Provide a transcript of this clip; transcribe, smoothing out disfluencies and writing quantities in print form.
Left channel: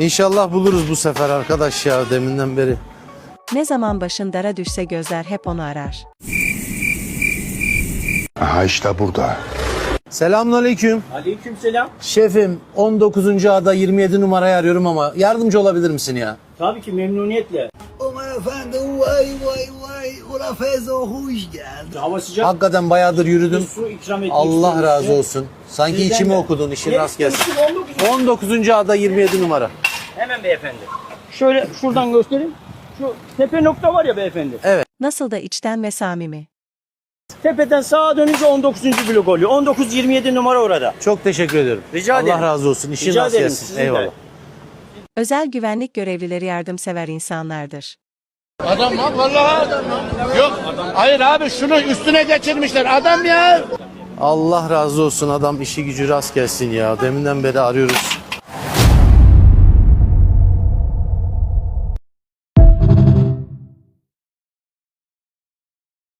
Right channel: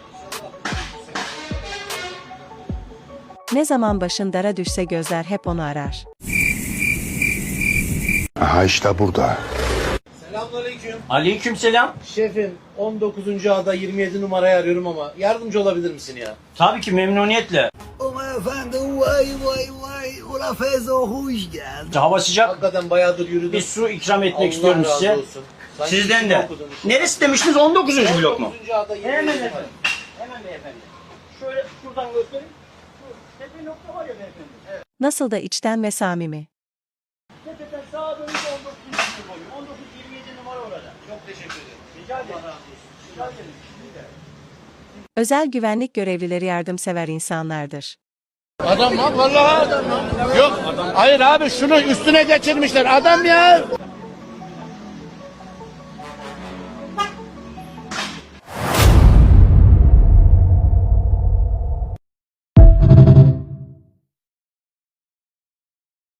İnşallah buluruz bu sefer arkadaş ya, deminden beri. Ne zaman başın dara düşse gözler hep onu arar. Aha işte burada. Selamünaleyküm. Aleykümselam. Şefim 19. ada 27 numarayı arıyorum ama yardımcı olabilir misin ya? Tabii ki memnuniyetle. Aman efendim vay vay vay. Ula Feyzo hoş geldin. Hava sıcak. Hakikaten bayağıdır yürüdüm. Bir su ikram etmek Allah istiyorum razı size. olsun. Sanki Sizden içimi de. okudun, işin Ne rast gelsin. istemiştiniz? 19. 19. ada 27 numara. Hemen beyefendi. Şöyle şuradan göstereyim. Şu tepe nokta var ya beyefendi. Nasıl da içten ve samimi. Tepeden sağa dönünce 19. blok oluyor. 19-27 numara orada. Çok teşekkür ederim. Rica Allah ederim. razı olsun. İşin Rica rast ederim, gelsin. sizin de. Eyvallah. Özel güvenlik görevlileri yardımsever insanlardır. Adam ha vallahi adam ha. Yok. Hayır abi şunu üstüne geçirmişler. Adam ya. Allah razı olsun, adam işi gücü rast gelsin ya. Deminden beri arıyoruz.